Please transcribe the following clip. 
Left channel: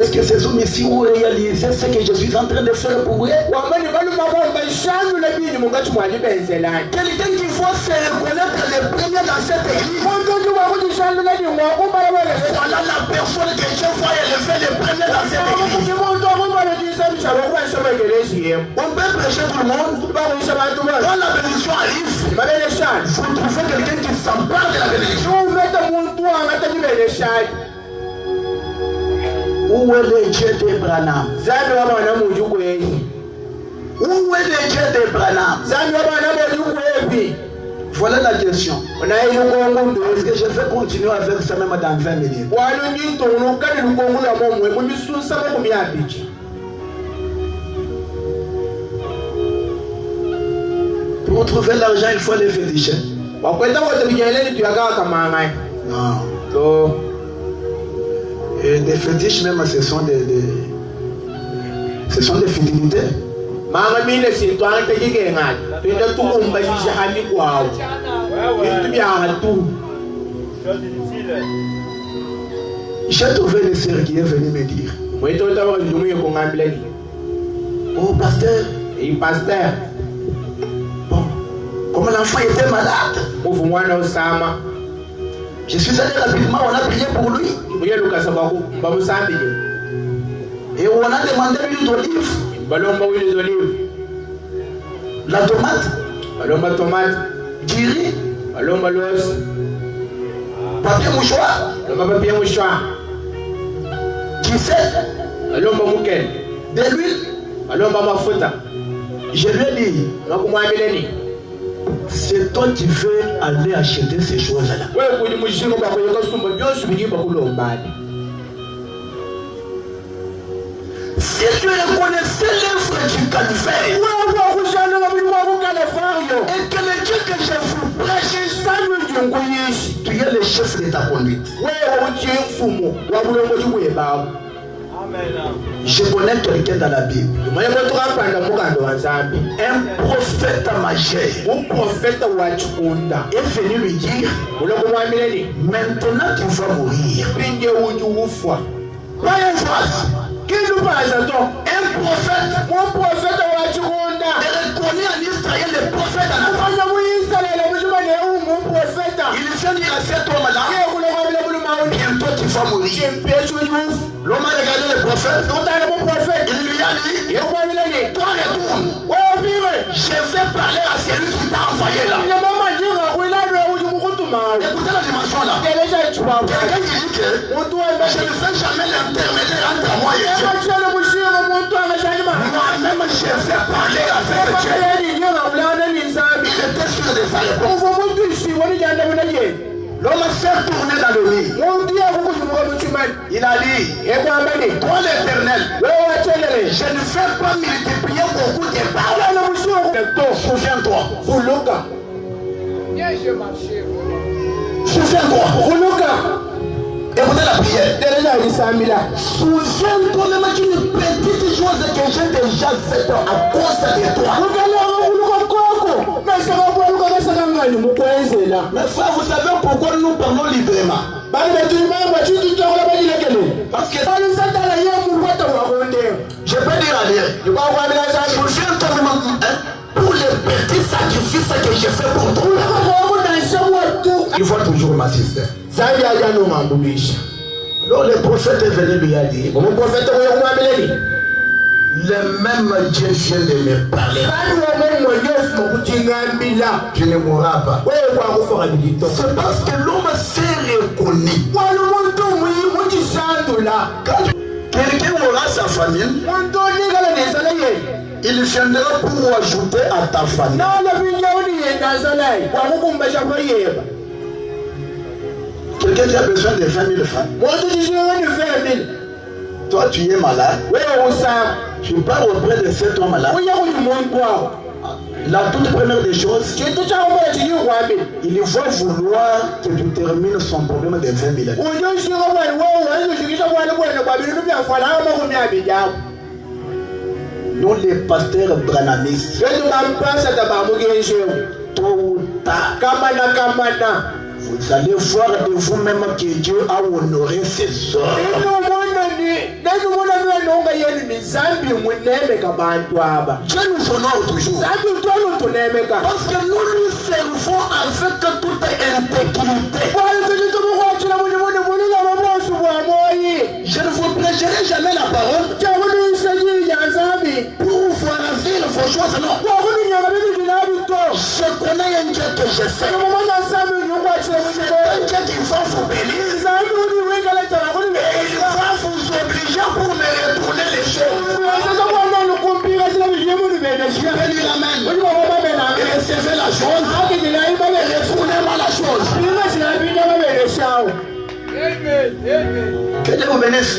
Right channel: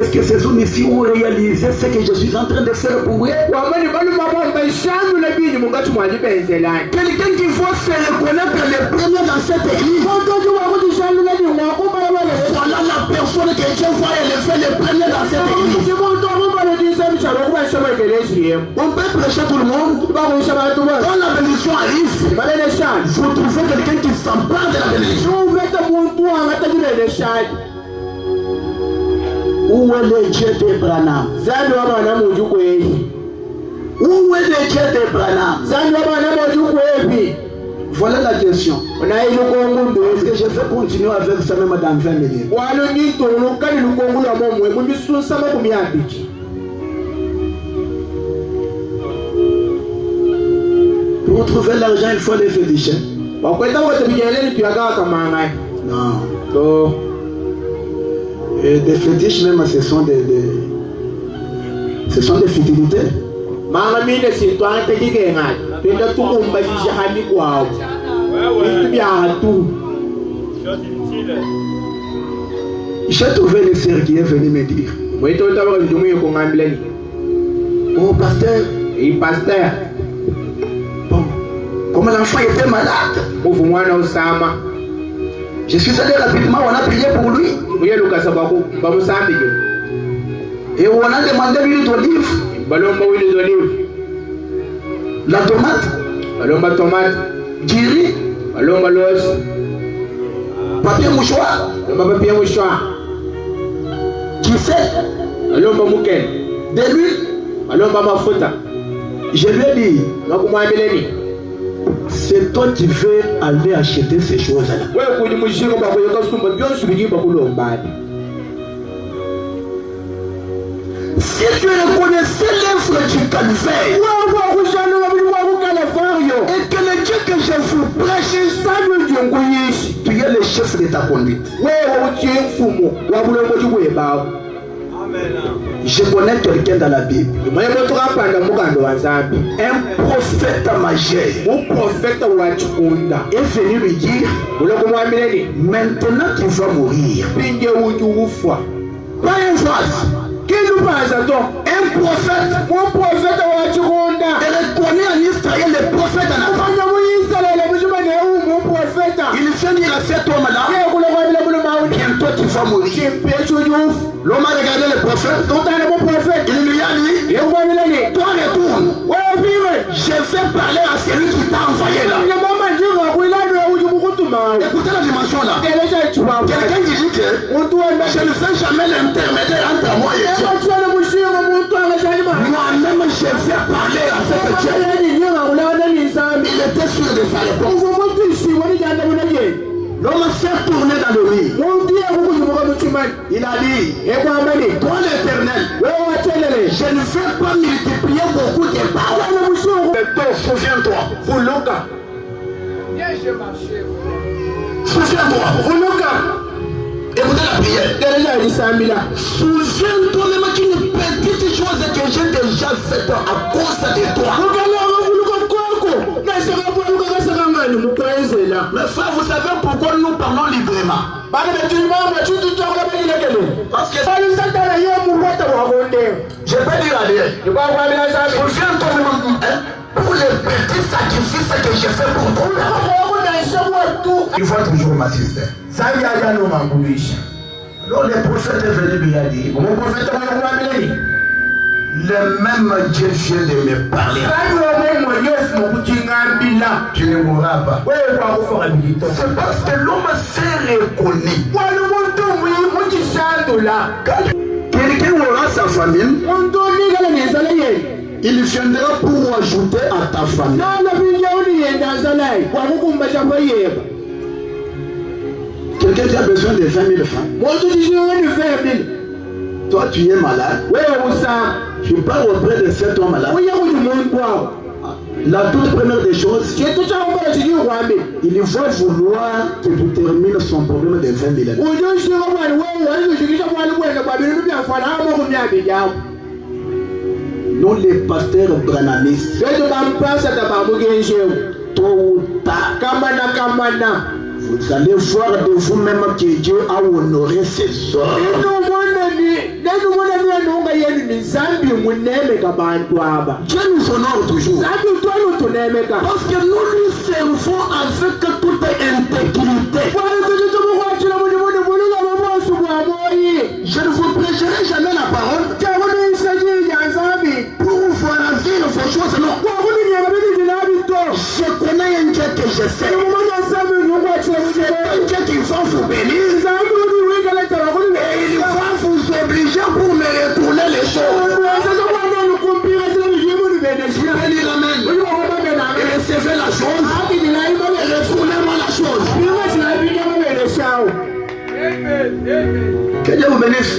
Est-ce que ces hommes ici ont réalisé ce que je suis en train de faire pour eux? Quelqu'un qui voit se reconnaître le premier dans cette église. Voilà la personne que Dieu va élever le premier dans cette église. On peut prêcher tout le monde. Quand la bénédiction arrive, vous trouvez quelqu'un qui s'empare de la bénédiction. Où est le Dieu d'Abraham? Où est le Dieu d'Abraham? Voilà la question. Est-ce que je vais continuer avec ça même dans 20 minutes? Pour trouver l'argent, il faut les féticher. Non. Et des fétiches même, ce sont des fidélités. J'ai trouvé le sœur qui est venu me dire: oh pasteur, bon, comme l'enfant était malade, je suis allé rapidement, on a prié pour lui. Et on a demandé l'huile d'olive, la tomate, du riz, papier mouchoir, du sel, de l'huile. Je lui ai dit: c'est toi qui veux aller acheter ces choses-là. Si tu reconnaissais l'œuvre du calvaire et que le Dieu que je vous prêche, tu es le chef de ta conduite. Je connais quelqu'un dans la Bible, un prophète majeur est venu lui dire: maintenant tu vas mourir. Pas un phrase. Un prophète, elle est connue en Israël, le prophète. Il vient dire à cet homme-là: bientôt tu vas mourir. L'homme a regardé le prophète. Il lui a dit: toi retourne. Je vais parler à celui qui t'a envoyé là. Écoutez la dimension là. Quelqu'un qui dit que je ne fais jamais l'intermédiaire entre moi et Dieu. Moi-même je vais parler avec Dieu. Il était sûr de sa réponse. L'homme s'est tourné dans le lit. Il a dit: toi l'Éternel, je ne vais pas multiplier beaucoup de paroles. Souviens-toi. Souviens-toi. Écoutez la prière. Souviens-toi même qu'une petite chose que j'ai déjà faite à cause de toi. Mais frère, vous savez pourquoi nous parlons librement? Parce que je peux dire à Dieu: souviens-toi même pour les petits sacrifices que j'ai fait pour toi. Il faut toujours m'assister. Alors le prophète est venu lui a dit: le même Dieu vient de me parler. Tu ne mourras pas. C'est parce que l'homme s'est reconnu. Quelqu'un aura sa famille, il viendra pour ajouter à ta famille. Quelqu'un qui a besoin de 20 000 francs. Toi tu es malade. Tu pars auprès de cet homme-là. La toute première des choses, il va vouloir que tu termines son problème de 20 000 francs. Nous les pasteurs branamistes, tôt ou tard, vous allez voir de vous-même que Dieu a honoré ses ordres. Dieu nous honore toujours. Parce que nous lui servons avec toute intégrité. Je ne vous prêcherai jamais la parole pour vous faire vivre vos choses. Non. Je connais un Dieu que je sais. C'est un Dieu qui va vous bénir. Et il va vous obliger pour me retourner les choses. Je vais dire amen. Et recevez la chose. Et retournez-moi la chose. Que Dieu vous bénisse.